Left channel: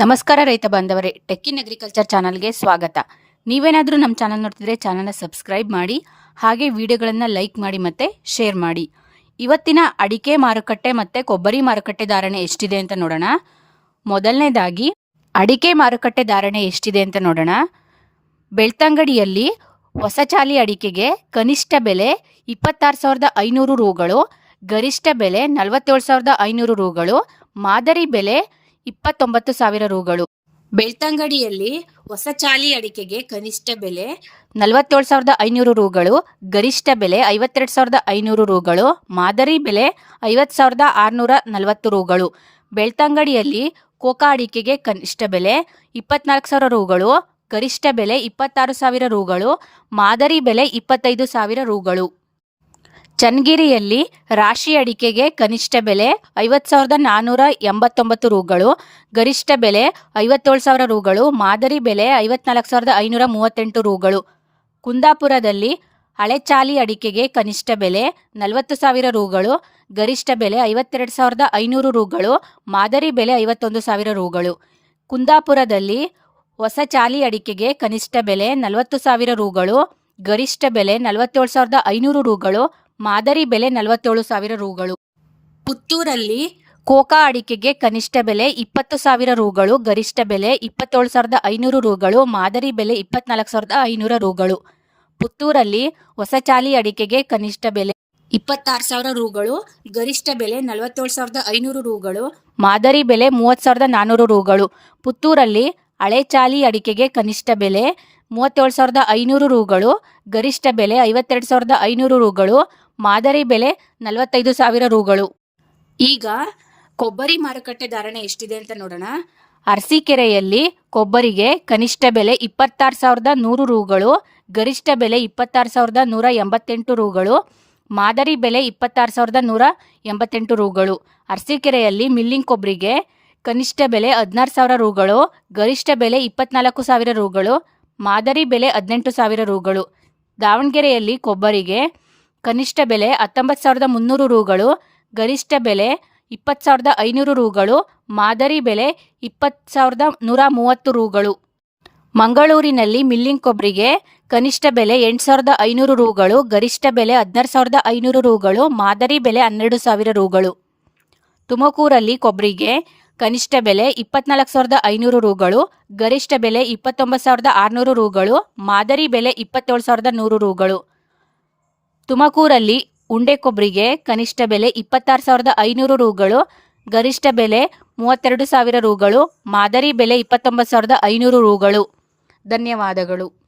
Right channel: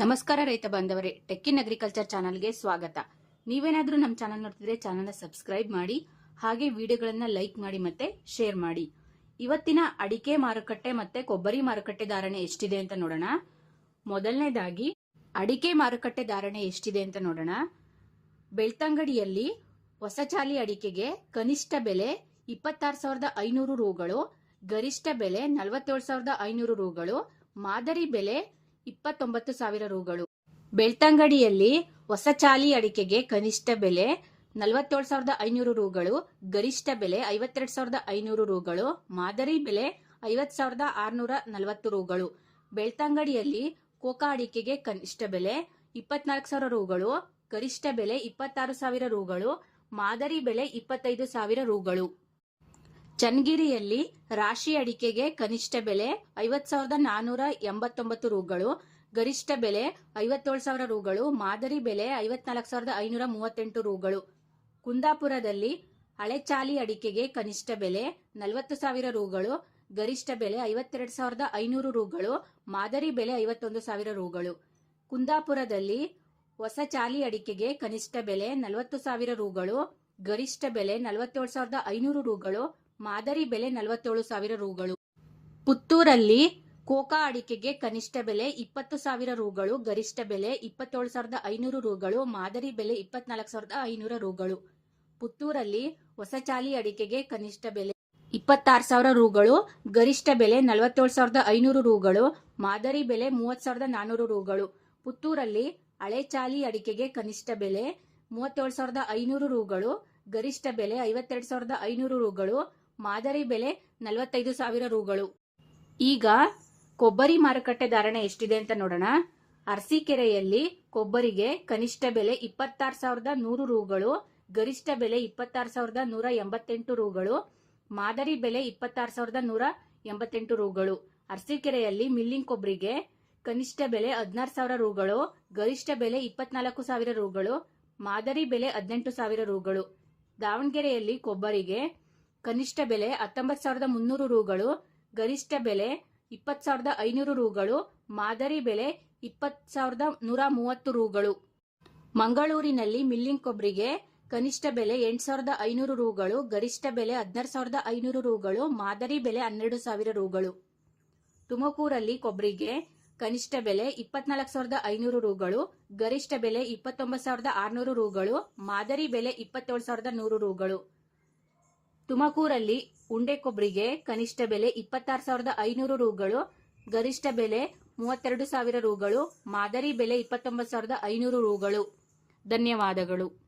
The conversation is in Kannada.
ನಮಸ್ಕಾರ ರೈತ ಬಾಂಧವರೇ ಟೆಕ್ಕಿನ್ ಅಗ್ರಿಕಲ್ಚರ್ ಚಾನಲ್ಗೆ ಸ್ವಾಗತ. ನೀವೇನಾದರೂ ನಮ್ಮ ಚಾನಲ್ ನೋಡ್ತಿದ್ರೆ ಚಾನಲ್ನ ಸಬ್ಸ್ಕ್ರೈಬ್ ಮಾಡಿ, ಹಾಗೆ ವಿಡಿಯೋಗಳನ್ನು ಲೈಕ್ ಮಾಡಿ ಮತ್ತು ಶೇರ್ ಮಾಡಿ. ಇವತ್ತಿನ ಅಡಿಕೆ ಮಾರುಕಟ್ಟೆ ಮತ್ತು ಕೊಬ್ಬರಿ ಮಾರುಕಟ್ಟೆ ಧಾರಣೆ ಎಷ್ಟಿದೆ ಅಂತ ನೋಡೋಣ. ಮೊದಲನೇದಾಗಿ, ಅಡಿಕೆ ಮಾರುಕಟ್ಟೆ ಧಾರಣೆ ಎಷ್ಟಿದೆ ಅಂತ ನೋಡೋಣ. ಬೆಳ್ತಂಗಡಿಯಲ್ಲಿ ಹೊಸ ಚಾಲಿ ಅಡಿಕೆಗೆ ಕನಿಷ್ಠ ಬೆಲೆ ಇಪ್ಪತ್ತಾರು ಸಾವಿರದ ಐನೂರು ರೂಗಳು, ಗರಿಷ್ಠ ಬೆಲೆ ನಲವತ್ತೇಳು ಸಾವಿರದ ಐನೂರು ರೂಗಳು, ಮಾದರಿ ಬೆಲೆ ಇಪ್ಪತ್ತೊಂಬತ್ತು ಸಾವಿರ ರೂಗಳು. ಬೆಳ್ತಂಗಡಿಯಲ್ಲಿ ಹೊಸ ಚಾಲಿ ಅಡಿಕೆಗೆ ಕನಿಷ್ಠ ಬೆಲೆ ನಲವತ್ತೇಳು ಸಾವಿರದ ಐನೂರು ರೂಗಳು, ಗರಿಷ್ಠ ಬೆಲೆ ಐವತ್ತೆರಡು ಸಾವಿರದ ಐನೂರು ರೂಗಳು, ಮಾದರಿ ಬೆಲೆ ಐವತ್ತು ಸಾವಿರದ ಆರುನೂರ ನಲವತ್ತು ರೂಗಳು. ಬೆಳ್ತಂಗಡಿಯಲ್ಲಿ ಕೋಕಾ ಅಡಿಕೆಗೆ ಕನಿಷ್ಠ ಬೆಲೆ ಇಪ್ಪತ್ನಾಲ್ಕು ಸಾವಿರ ರೂಗಳು, ಗರಿಷ್ಠ ಬೆಲೆ ಇಪ್ಪತ್ತಾರು ಸಾವಿರ ರೂಗಳು, ಮಾದರಿ ಬೆಲೆ ಇಪ್ಪತ್ತೈದು ಸಾವಿರ ರೂಗಳು. ಚನ್ನಗಿರಿಯಲ್ಲಿ ರಾಶಿ ಅಡಿಕೆಗೆ ಕನಿಷ್ಠ ಬೆಲೆ ಐವತ್ತು ಸಾವಿರದ ನಾನ್ನೂರ ಎಂಬತ್ತೊಂಬತ್ತು ರೂಗಳು, ಗರಿಷ್ಠ ಬೆಲೆ ಐವತ್ತೇಳು ಸಾವಿರ ರೂಗಳು, ಮಾದರಿ ಬೆಲೆ ಐವತ್ನಾಲ್ಕು ಸಾವಿರದ ಐನೂರ ಮೂವತ್ತೆಂಟು ರೂಗಳು. ಕುಂದಾಪುರದಲ್ಲಿ ಹಳೆ ಚಾಲಿ ಅಡಿಕೆಗೆ ಕನಿಷ್ಠ ಬೆಲೆ ನಲವತ್ತು ಸಾವಿರ ರೂಗಳು, ಗರಿಷ್ಠ ಬೆಲೆ ಐವತ್ತೆರಡು ಸಾವಿರದ ಐನೂರು ರೂಗಳು, ಮಾದರಿ ಬೆಲೆ ಐವತ್ತೊಂದು ಸಾವಿರ ರೂಗಳು. ಕುಂದಾಪುರದಲ್ಲಿ ಹೊಸ ಚಾಲಿ ಅಡಿಕೆಗೆ ಕನಿಷ್ಠ ಬೆಲೆ ನಲವತ್ತು ಸಾವಿರ ರೂಗಳು, ಗರಿಷ್ಠ ಬೆಲೆ ನಲವತ್ತೇಳು ಸಾವಿರದ ಐನೂರು ರೂಗಳು ಮಾದರಿ ಬೆಲೆ ನಲವತ್ತೇಳು ಸಾವಿರ ರೂಗಳು. ಪುತ್ತೂರಲ್ಲಿ ಕೋಕಾ ಅಡಿಕೆಗೆ ಕನಿಷ್ಠ ಬೆಲೆ ಇಪ್ಪತ್ತು ಸಾವಿರ ರೂಗಳು, ಗರಿಷ್ಠ ಬೆಲೆ ಇಪ್ಪತ್ತೇಳು ಸಾವಿರದ ಐನೂರು ರೂಗಳು, ಮಾದರಿ ಬೆಲೆ ಇಪ್ಪತ್ನಾಲ್ಕು ಸಾವಿರದ ಐನೂರ ರೂಗಳು. ಪುತ್ತೂರಲ್ಲಿ ಹೊಸಚಾಲಿ ಅಡಿಕೆಗೆ ಕನಿಷ್ಠ ಬೆಲೆ ಇಪ್ಪತ್ತಾರು ಸಾವಿರ ರೂಗಳು, ಗರಿಷ್ಠ ಬೆಲೆ ನಲವತ್ತೇಳು ಸಾವಿರದ ಐನೂರು ರೂಗಳು, ಮಾದರಿ ಬೆಲೆ ಮೂವತ್ತು ಸಾವಿರದ ನಾನ್ನೂರು ರೂಗಳು. ಪುತ್ತೂರಲ್ಲಿ ಹಳೆ ಚಾಲಿ ಅಡಿಕೆಗೆ ಕನಿಷ್ಠ ಬೆಲೆ ಮೂವತ್ತೇಳು ಸಾವಿರದ ಐನೂರು ರೂಗಳು, ಗರಿಷ್ಠ ಬೆಲೆ ಐವತ್ತೆರಡು ಸಾವಿರದ ಐನೂರು ರೂಗಳು ಮಾದರಿ ಬೆಲೆ ನಲವತ್ತೈದು ಸಾವಿರ ರೂಗಳು. ಈಗ ಕೊಬ್ಬರಿ ಮಾರುಕಟ್ಟೆ ಧಾರಣೆ ಎಷ್ಟಿದೆ ಅಂತ ನೋಡೋಣ. ಅರಸೀಕೆರೆಯಲ್ಲಿ ಕೊಬ್ಬರಿಗೆ ಕನಿಷ್ಠ ಬೆಲೆ ಇಪ್ಪತ್ತಾರು ಸಾವಿರದ ನೂರು ರೂಗಳು ಗರಿಷ್ಠ ಬೆಲೆ ಇಪ್ಪತ್ತಾರು ಸಾವಿರದ ನೂರ ಎಂಬತ್ತೆಂಟು ರೂಗಳು ಮಾದರಿ ಬೆಲೆ ಇಪ್ಪತ್ತಾರು ಸಾವಿರದ ನೂರ ಎಂಬತ್ತೆಂಟು ರೂಗಳು. ಅರಸೀಕೆರೆಯಲ್ಲಿ ಮಿಲ್ಲಿಂಗ್ ಕೊಬ್ಬರಿಗೆ ಕನಿಷ್ಠ ಬೆಲೆ ಹದಿನಾರು ಸಾವಿರ ರೂಗಳು ಗರಿಷ್ಠ ಬೆಲೆ ಇಪ್ಪತ್ನಾಲ್ಕು ಸಾವಿರ ರೂಗಳು ಮಾದರಿ ಬೆಲೆ ಹದಿನೆಂಟು ಸಾವಿರ ರೂಗಳು. ದಾವಣಗೆರೆಯಲ್ಲಿ ಕೊಬ್ಬರಿಗೆ ಕನಿಷ್ಠ ಬೆಲೆ ಹತ್ತೊಂಬತ್ತು ಸಾವಿರದ ಮುನ್ನೂರು ರೂಗಳು, ಗರಿಷ್ಠ ಬೆಲೆ ಇಪ್ಪತ್ತು ಸಾವಿರದ ಐನೂರು ರೂಗಳು, ಮಾದರಿ ಬೆಲೆ ಇಪ್ಪತ್ತು ಸಾವಿರದ ನೂರ ಮೂವತ್ತು ರೂಗಳು. ಮಂಗಳೂರಿನಲ್ಲಿ ಮಿಲ್ಲಿಂಗ್ ಕೊಬ್ಬರಿಗೆ ಕನಿಷ್ಠ ಬೆಲೆ ಎಂಟು ಸಾವಿರದ ಐನೂರು ರೂಗಳು, ಗರಿಷ್ಠ ಬೆಲೆ ಹದಿನಾರು ಸಾವಿರದ ಐನೂರು ರೂಗಳು, ಮಾದರಿ ಬೆಲೆ ಹನ್ನೆರಡು ಸಾವಿರ ರೂಗಳು. ತುಮಕೂರಲ್ಲಿ ಕೊಬ್ಬರಿಗೆ ಕನಿಷ್ಠ ಬೆಲೆ ಇಪ್ಪತ್ನಾಲ್ಕು ಸಾವಿರದ ಐನೂರು ರೂಗಳು, ಗರಿಷ್ಠ ಬೆಲೆ ಇಪ್ಪತ್ತೊಂಬತ್ತು ಸಾವಿರದ ಆರುನೂರು ರೂಗಳು, ಮಾದರಿ ಬೆಲೆ ಇಪ್ಪತ್ತೇಳು ಸಾವಿರದ ನೂರು ರೂಗಳು. ತುಮಕೂರಲ್ಲಿ ಉಂಡೆ ಕೊಬ್ಬರಿಗೆ ಕನಿಷ್ಠ ಬೆಲೆ ಇಪ್ಪತ್ತಾರು ಸಾವಿರದ ಐನೂರು ರೂಗಳು, ಗರಿಷ್ಠ ಬೆಲೆ ಮೂವತ್ತೆರಡು ಸಾವಿರ ರೂಗಳು, ಮಾದರಿ ಬೆಲೆ ಇಪ್ಪತ್ತೊಂಬತ್ತು ಸಾವಿರದ ಐನೂರು ರೂಗಳು. ಧನ್ಯವಾದಗಳು.